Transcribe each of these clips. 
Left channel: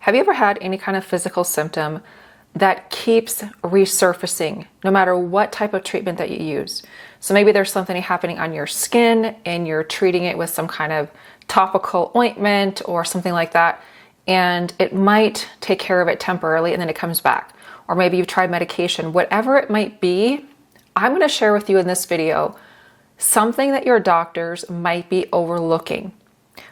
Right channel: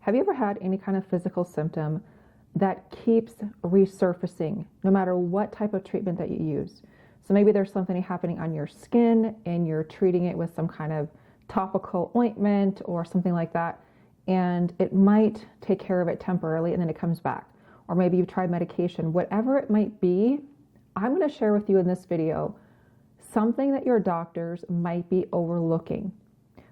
Have you ever had any kind of physical symptom that keeps resurfacing no matter what type of treatment that you use? So maybe there's something happening on your skin and you're treating it with some kind of topical ointment or something like that, and it might take care of it temporarily and then it comes back. Or maybe you've tried medication, whatever it might be. I'm going to share with you in this video something that your doctors might be overlooking.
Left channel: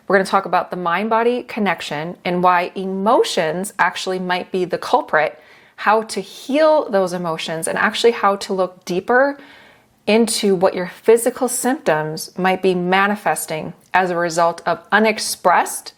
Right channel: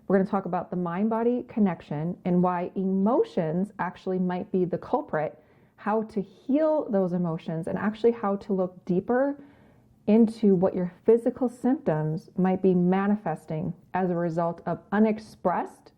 We're going to talk about the mind-body connection and why emotions actually might be the culprit, how to heal those emotions, and actually how to look deeper into what your physical symptoms might be manifesting as a result of unexpressed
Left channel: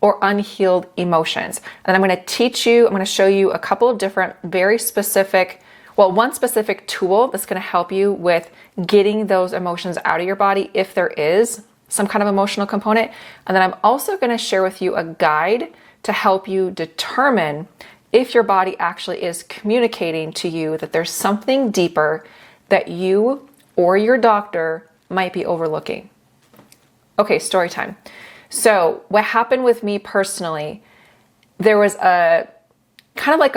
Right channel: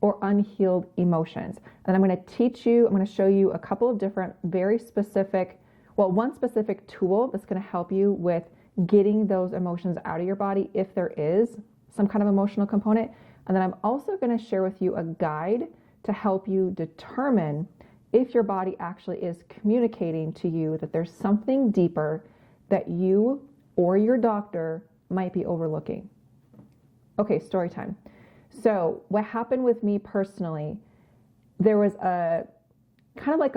or unhealed emotions. And I'm going to teach you, I'm going to show you a couple of different, very specific, one specific tool that's going to help you with getting those emotions out of your body if there is some kind of emotional component. And then I'm also going to share with you a guide to help you determine if your body actually is communicating to you that there's something deeper that you or your doctor might be overlooking. Okay, story time. So what happened with me personally, there was a kind of like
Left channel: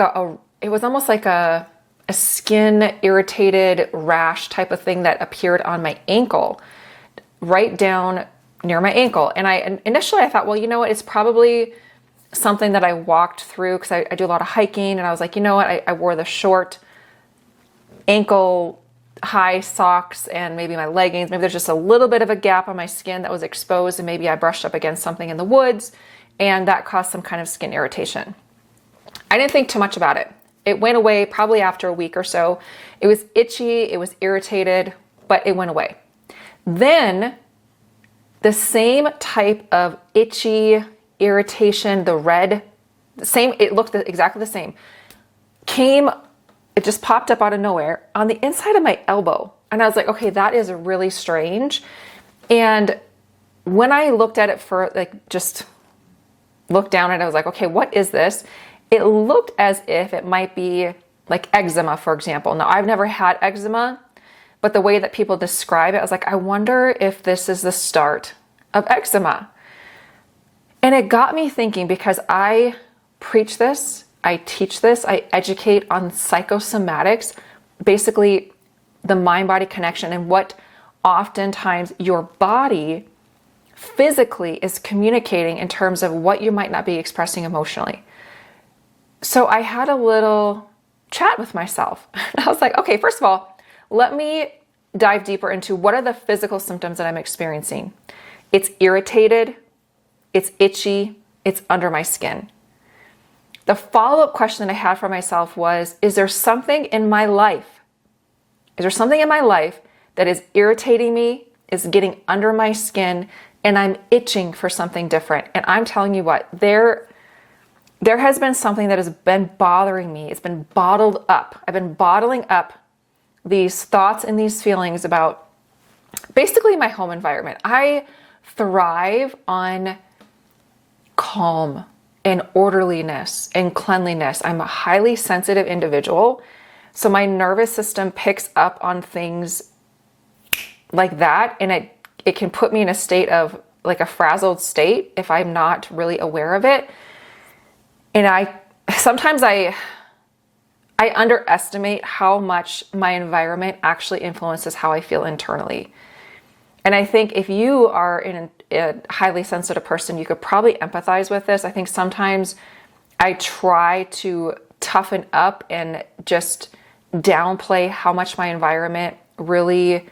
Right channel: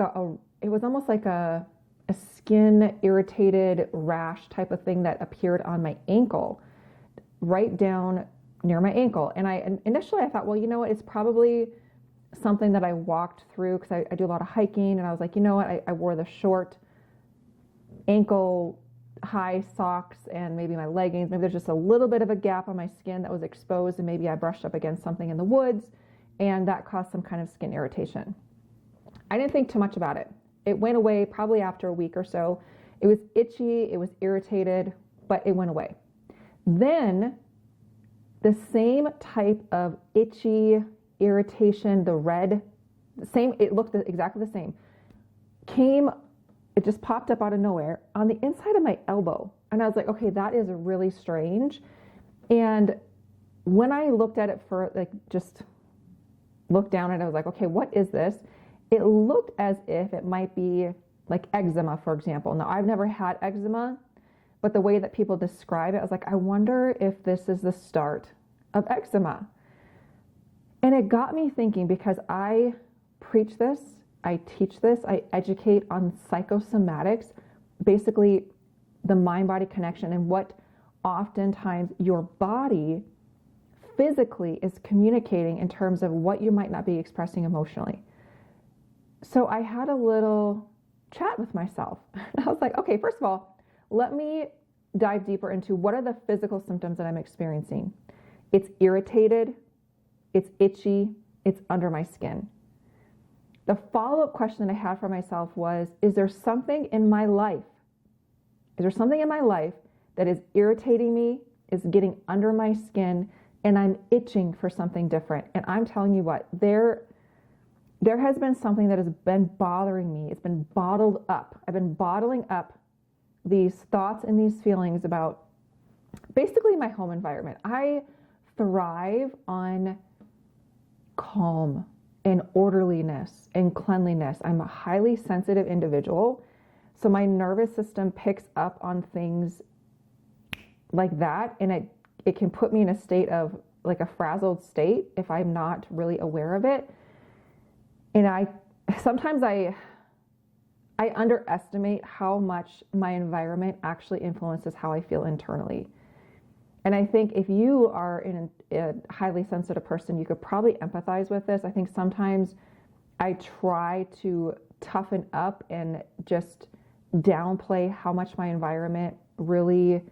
it was almost like a skin irritated rash type of thing that appeared on my ankle, right down near my ankle. And initially I thought, well, you know what, it's probably something that I walked through because I do a lot of hiking, and I was like, you know what, I wore the short ankle high socks and maybe my leggings. Maybe there's just a little bit of a gap on my skin that was exposed, and maybe I brushed up against something in the woods and that caused some kind of skin irritation. I didn't think too much about it. It went away probably after a week or so. It was itchy, it was irritated, but it went away. Then the same type of itchy irritation, the red, it looked exactly the same, it just popped up out of nowhere on the inside of my elbow. And I was like, okay, that is really strange. And when I looked at it just looked down at it, I was like, okay, what is this? It looked as if it might be like eczema, for example. Now, I've never had eczema, but the way that people describe it, I was like, I wonder if this is the start of eczema. And it got me thinking, because I preach this, I teach this, I educate on psychosomatics, basically the mind-body connection and what oftentimes your body physically is communicating in terms of what you might not be expressing emotionally. So I had a little chat with myself. I was like, okay, first of all, let me dive deeper into what are the physical symptoms that I'm experiencing. It's irritated, it's itchy, it's under my skin. The follow-up question that I had for myself was, is there something in my life? Is there something in my life that is irritating me, is getting under my skin, and I'm itching for something different? And I'm telling you what, there has been something that has been bothering me. It's been bottled up. I've been bottling up these thoughts and these feelings about basically my home environment. I thrive on calm and orderliness and cleanliness. I'm a highly sensitive individual, so my nervous system picks up on things like that, and it can put me in a state of like a frazzled state if I'm not really aware of it. And sometimes I underestimate how much my environment actually influences how I feel internally. And I think if you are a highly sensitive person, you could probably empathize with this. I think sometimes I try to toughen up and just downplay how much my environment really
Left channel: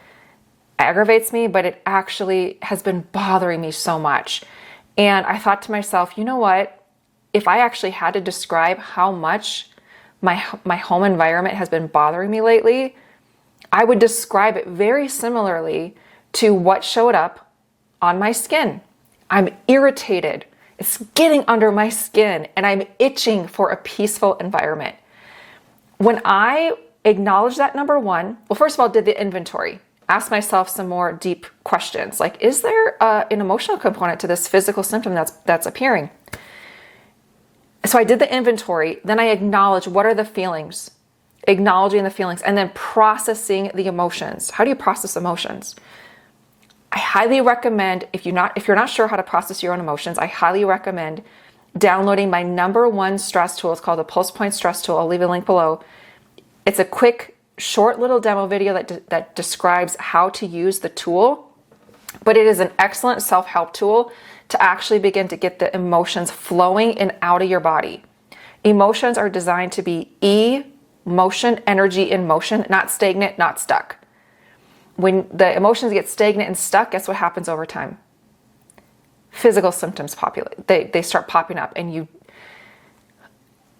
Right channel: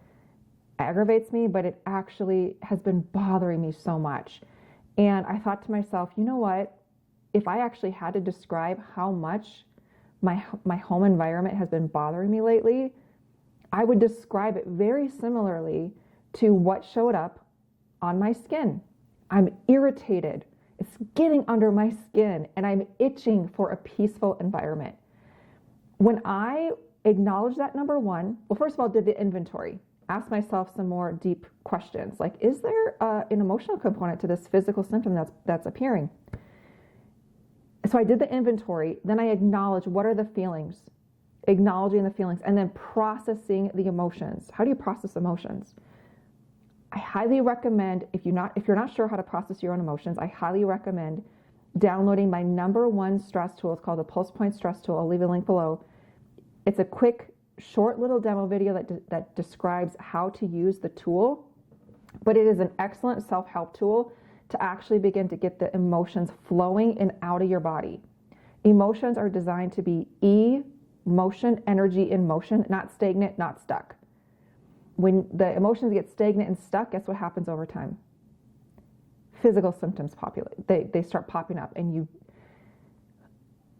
aggravates me, but it actually has been bothering me so much. And I thought to myself, you know what? If I actually had to describe how much my home environment has been bothering me lately, I would describe it very similarly to what showed up on my skin. I'm irritated. It's getting under my skin, and I'm itching for a peaceful environment. When I acknowledged that, number one, well, first of all, did the inventory, ask myself some more deep questions. Like, is there an emotional component to this physical symptom that's appearing? So I did the inventory, then I acknowledged what are the feelings, acknowledging the feelings, and then processing the emotions. How do you process emotions? I highly recommend, if you're not sure how to process your own emotions, I highly recommend downloading my number one stress tool. It's called the Pulse Point Stress Tool. I'll leave a link below. It's a quick, short little demo video that describes how to use the tool, but it is an excellent self-help tool to actually begin to get the emotions flowing and out of your body. Emotions are designed to be motion, energy in motion, not stagnant, not stuck. When the emotions get stagnant and stuck, guess what happens over time? Physical symptoms populate. They start popping up, and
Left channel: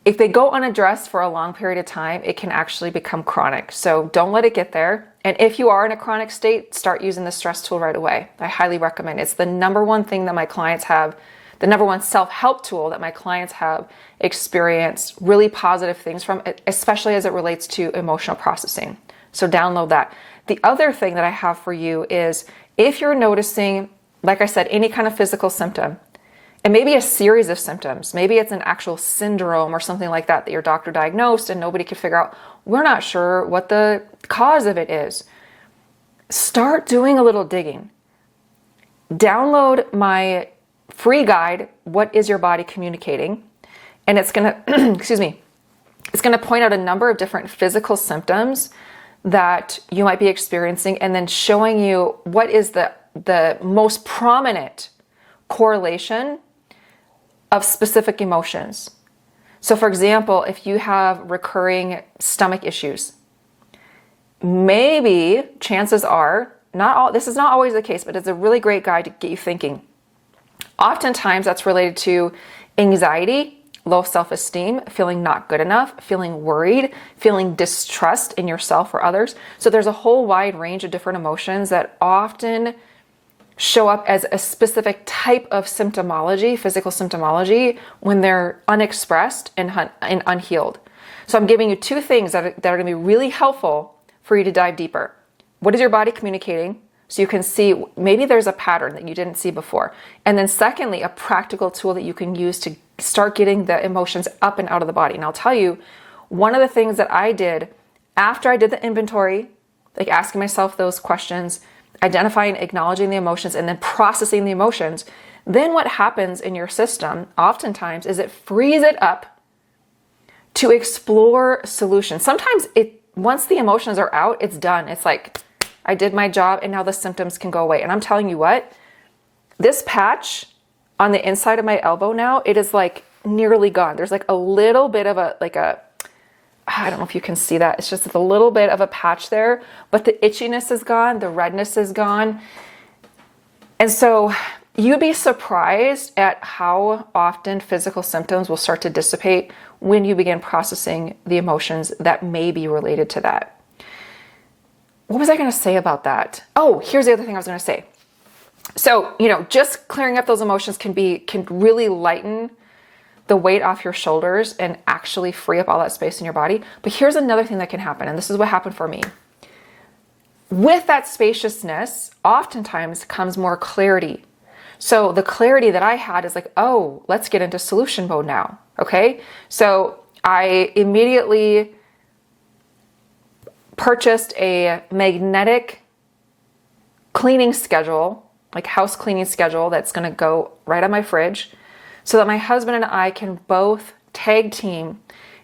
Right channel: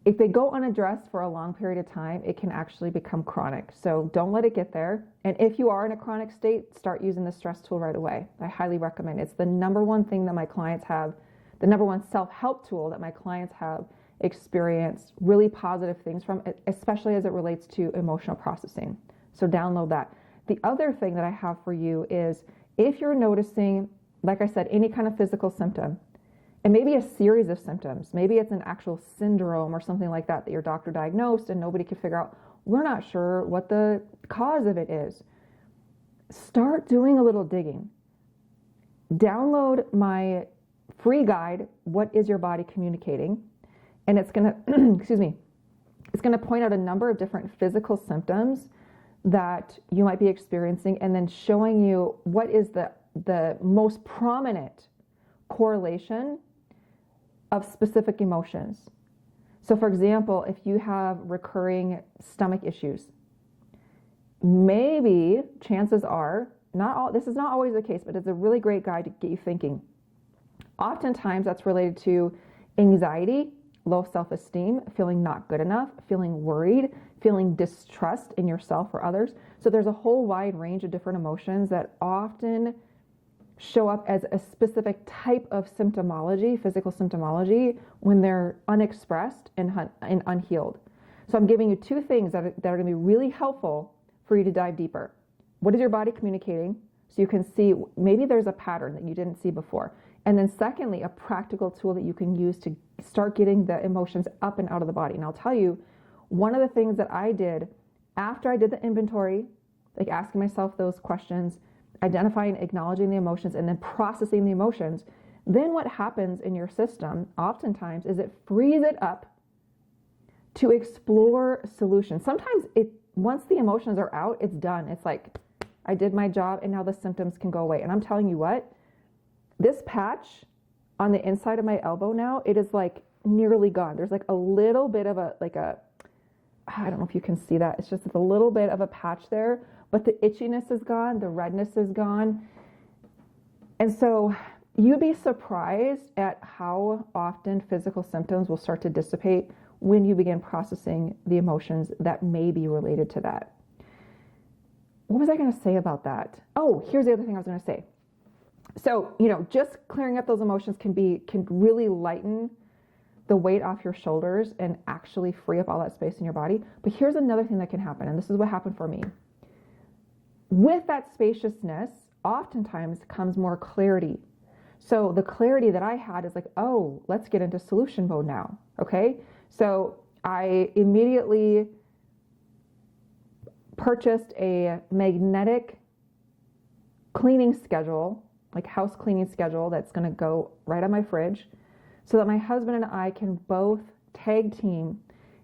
if they go unaddressed for a long period of time, it can actually become chronic. So don't let it get there. And if you are in a chronic state, start using the stress tool right away. I highly recommend it. It's the number one thing that my clients have, the number one self-help tool that my clients have experienced really positive things from, especially as it relates to emotional processing. So download that. The other thing that I have for you is if you're noticing, like I said, any kind of physical symptom, and maybe a series of symptoms, maybe it's an actual syndrome or something like that your doctor diagnosed and nobody could figure out, we're not sure what the cause of it is. Start doing a little digging. Download my free guide, What is Your Body Communicating? And it's going to, excuse me, it's going to point out a number of different physical symptoms that you might be experiencing, and then showing you what is the most prominent correlation of specific emotions. So for example, if you have recurring stomach issues, maybe chances are, this is not always the case, but it's a really great guide to get you thinking. Oftentimes that's related to anxiety, low self-esteem, feeling not good enough, feeling worried, feeling distrust in yourself or others. So there's a whole wide range of different emotions that often show up as a specific type of symptomology, physical symptomology, when they're unexpressed and unhealed. So I'm giving you two things that are going to be really helpful for you to dive deeper. What is your body communicating? So you can see maybe there's a pattern that you didn't see before. And then secondly, a practical tool that you can use to start getting the emotions up and out of the body. And I'll tell you, one of the things that I did after I did the inventory, like asking myself those questions, identifying, acknowledging the emotions, and then processing the emotions, then what happens in your system oftentimes is it frees it up to explore solutions. Sometimes once the emotions are out, it's done. It's like, I did my job and now the symptoms can go away. And I'm telling you what, this patch on the inside of my elbow now, it is like nearly gone. There's like a little bit of I don't know if you can see that. It's just a little bit of a patch there, but the itchiness is gone. The redness is gone. And so you'd be surprised at how often physical symptoms will start to dissipate when you begin processing the emotions that may be related to that. What was I going to say about that? Oh, here's the other thing I was going to say. So, just clearing up those emotions can really lighten the weight off your shoulders and actually free up all that space in your body. But here's another thing that can happen, and this is what happened for me. With that spaciousness, oftentimes comes more clarity. So the clarity that I had is like, oh, let's get into solution mode now. Okay. So I immediately purchased a magnetic cleaning schedule, like house cleaning schedule, that's going to go right on my fridge, so that my husband and I can both tag team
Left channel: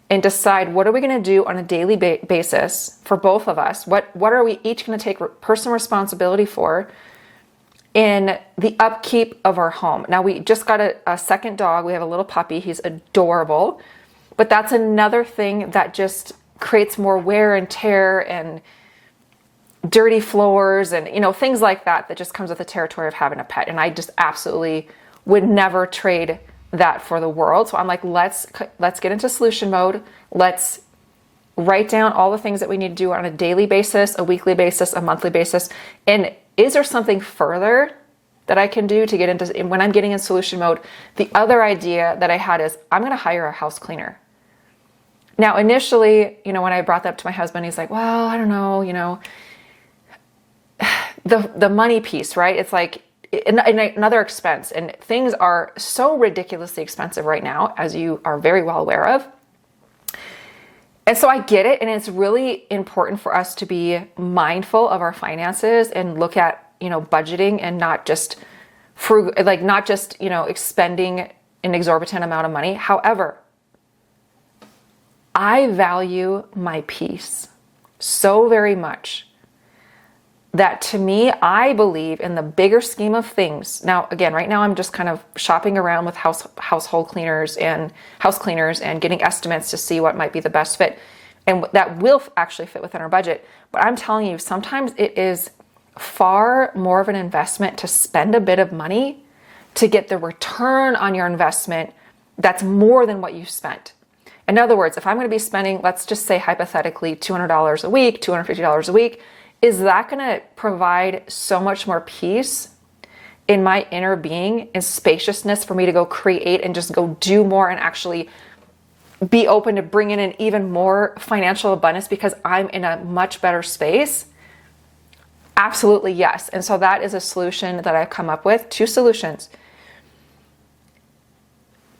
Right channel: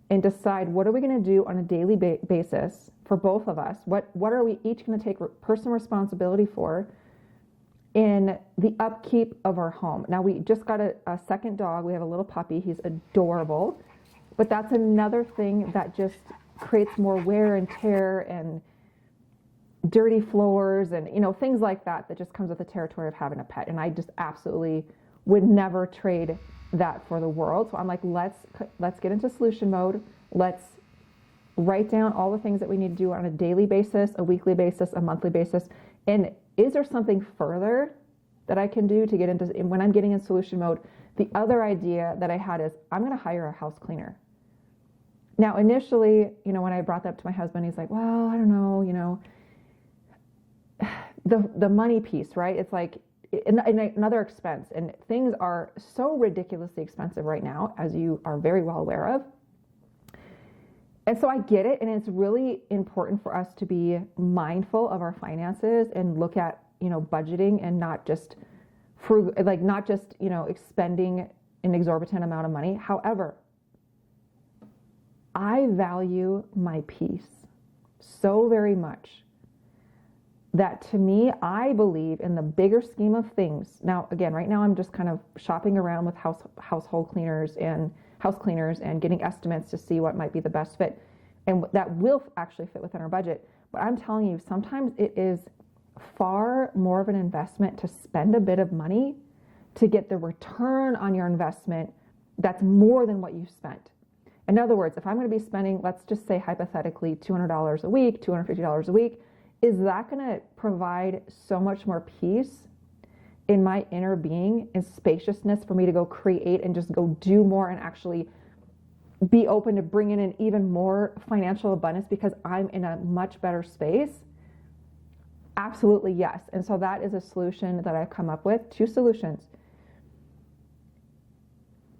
and decide what are we going to do on a daily basis for both of us. What are we each going to take personal responsibility for in the upkeep of our home? Now, we just got a second dog. We have a little puppy. He's adorable. But that's another thing that just creates more wear and tear and dirty floors and, things like that just comes with the territory of having a pet. And I just absolutely would never trade that for the world. So I'm like, let's get into solution mode. Let's write down all the things that we need to do on a daily basis, a weekly basis, a monthly basis. And is there something further that I can do to get into, when I'm getting in solution mode? The other idea that I had is I'm going to hire a house cleaner. Now, initially, when I brought that up to my husband, he's like, well, I don't know, the money piece, right? It's like, another expense, and things are so ridiculously expensive right now, as you are very well aware of. And so I get it. And it's really important for us to be mindful of our finances and look at, budgeting and not just expending an exorbitant amount of money. However, I value my peace so very much that to me, I believe in the bigger scheme of things. Now, again, right now I'm just kind of shopping around with household cleaners and house cleaners and getting estimates to see what might be the best fit. And that will actually fit within our budget. But I'm telling you, sometimes it is far more of an investment to spend a bit of money to get the return on your investment that's more than what you spent. In other words, if I'm going to be spending, let's just say hypothetically, $200 a week, $250 a week, is that going to provide so much more peace in my inner being and spaciousness for me to go create and just go do more and actually be open to bringing in even more financial abundance because I'm in a much better space? Absolutely, yes. And so that is a solution that I've come up with, 2 solutions.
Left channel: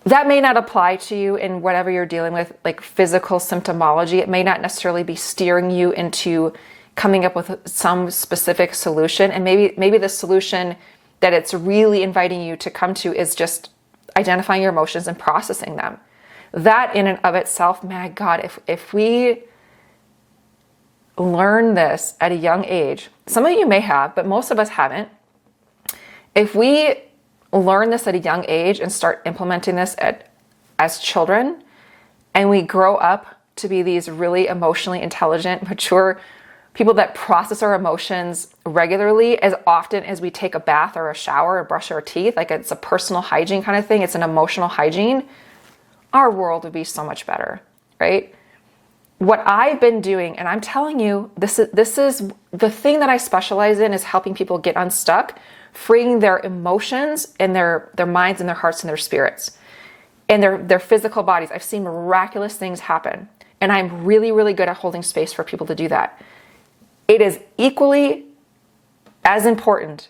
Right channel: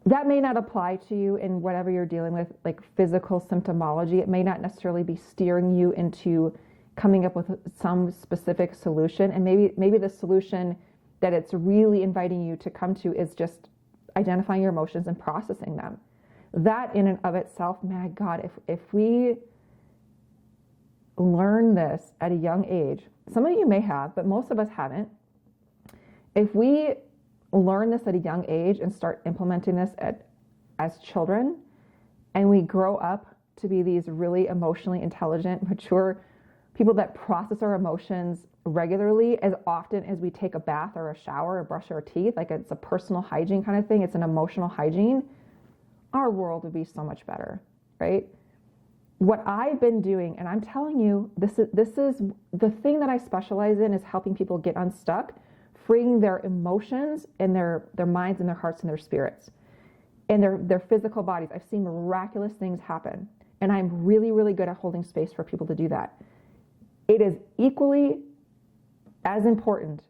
That may not apply to you in whatever you're dealing with, like physical symptomology. It may not necessarily be steering you into coming up with some specific solution. And maybe the solution that it's really inviting you to come to is just identifying your emotions and processing them. That in and of itself, my God, if we learn this at a young age, some of you may have, but most of us haven't. If we learn this at a young age and start implementing this as children, and we grow up to be these really emotionally intelligent, mature people that process our emotions regularly, as often as we take a bath or a shower or brush our teeth, like it's a personal hygiene kind of thing, it's an emotional hygiene, our world would be so much better, right? What I've been doing, and I'm telling you, this is the thing that I specialize in, is helping people get unstuck, freeing their emotions and their minds and their hearts and their spirits and their physical bodies. I've seen miraculous things happen, and I'm really, really good at holding space for people to do that. It is equally as important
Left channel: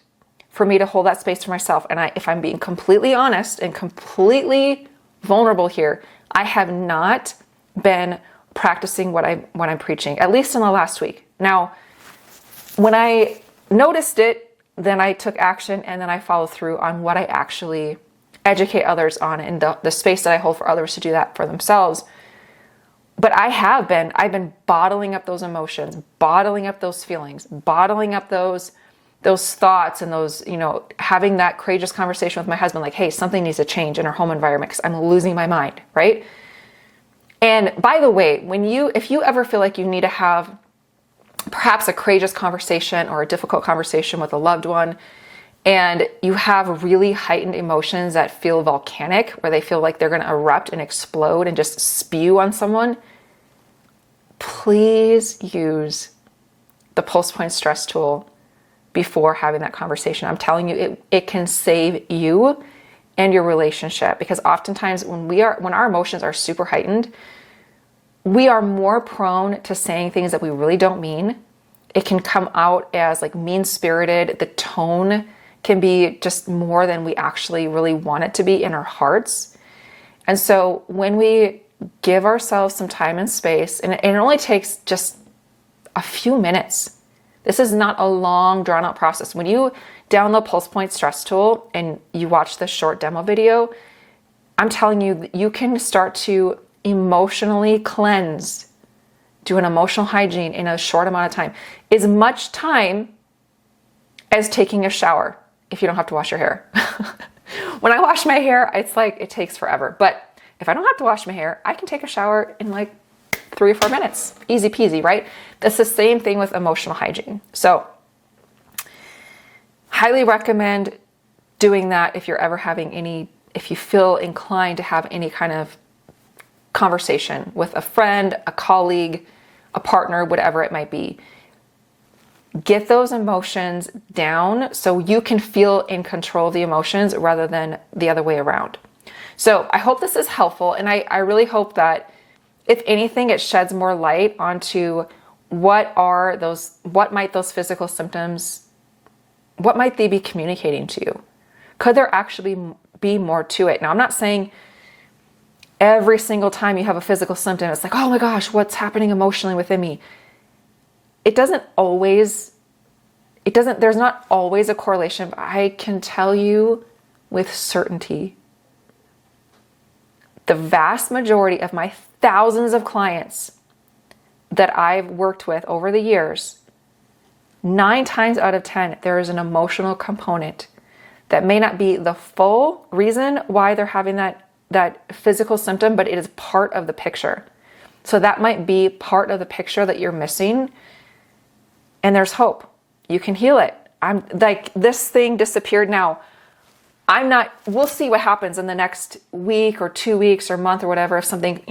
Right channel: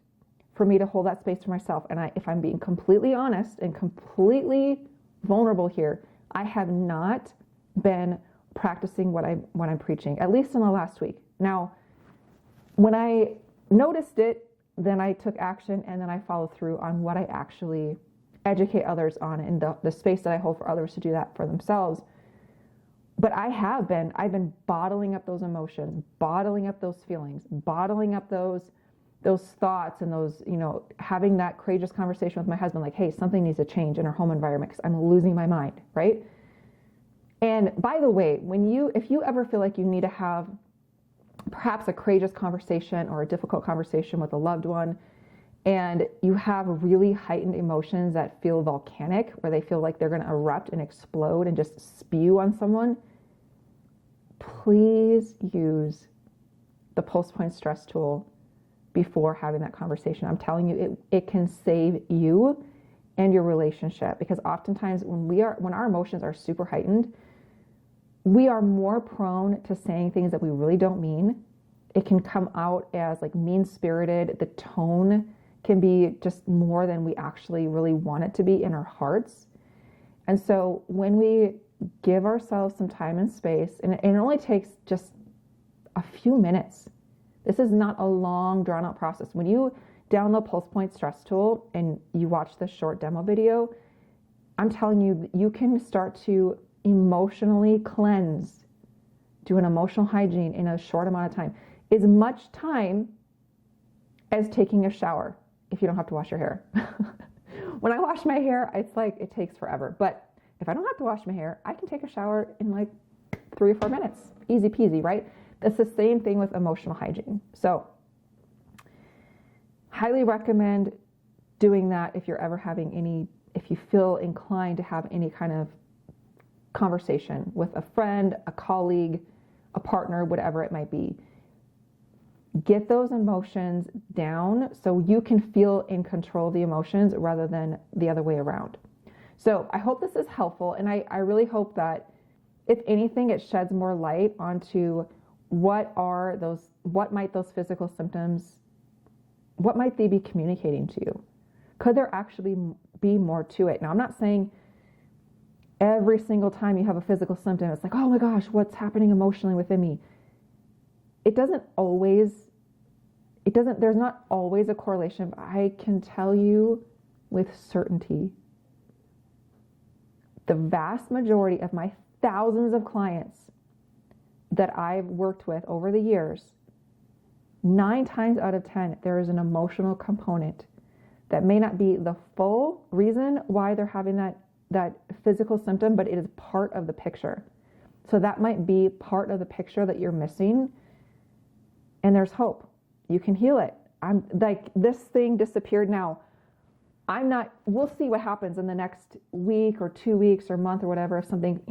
for me to hold that space for myself. And if I'm being completely honest and completely vulnerable here, I have not been practicing what I'm preaching, at least in the last week. Now, when I noticed it, then I took action, and then I followed through on what I actually educate others on, and the space that I hold for others to do that for themselves. But I've been bottling up those emotions, bottling up those feelings, bottling up those thoughts, and those, having that courageous conversation with my husband, like, hey, something needs to change in our home environment because I'm losing my mind, right? And by the way, if you ever feel like you need to have perhaps a courageous conversation or a difficult conversation with a loved one, and you have really heightened emotions that feel volcanic, where they feel like they're going to erupt and explode and just spew on someone, please use the pulse point stress tool before having that conversation. I'm telling you, it can save you and your relationship, because oftentimes when our emotions are super heightened, we are more prone to saying things that we really don't mean. It can come out as like mean-spirited. The tone can be just more than we actually really want it to be in our hearts. And so when we give ourselves some time and space, and it only takes just a few minutes. This is not a long, drawn-out process. When you download Pulse Point Stress Tool and you watch this short demo video, I'm telling you, you can start to emotionally cleanse, do an emotional hygiene in a short amount of time. As much time as taking a shower, if you don't have to wash your hair. When I wash my hair, it's like it takes forever. But if I don't have to wash my hair, I can take a shower in like 3 or 4 minutes. Easy peasy, right? That's the same thing with emotional hygiene. So highly recommend doing that if you're ever having if you feel inclined to have any kind of conversation with a friend, a colleague, a partner, whatever it might be. Get those emotions down so you can feel in control of the emotions rather than the other way around. So I hope this is helpful, and I really hope that, if anything, it sheds more light onto what might those physical symptoms, what might they be communicating to you? Could there actually be more to it? Now, I'm not saying every single time you have a physical symptom, it's like, oh my gosh, what's happening emotionally within me? There's not always a correlation, but I can tell you with certainty The vast majority of my thousands of clients that I've worked with over the years, 9 times out of 10, there is an emotional component that may not be the full reason why they're having that physical symptom, but it is part of the picture. So that might be part of the picture that you're missing. And there's hope. You can heal it. I'm like, this thing disappeared now. We'll see what happens in the next week or 2 weeks or month or whatever. If something,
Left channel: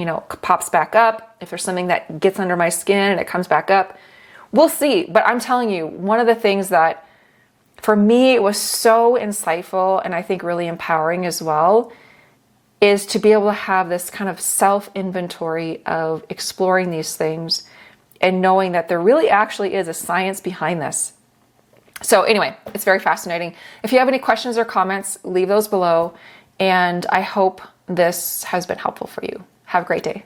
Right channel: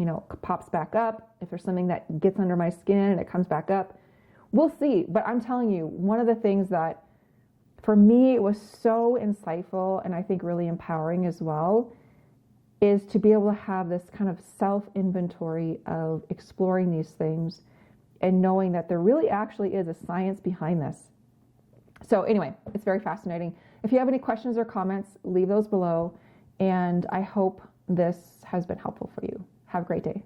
pops back up, if there's something that gets under my skin and it comes back up, we'll see. But I'm telling you, one of the things that for me, it was so insightful and I think really empowering as well, is to be able to have this kind of self-inventory of exploring these things and knowing that there really actually is a science behind this. So anyway, it's very fascinating. If you have any questions or comments, leave those below. And I hope this has been helpful for you. Have a great day.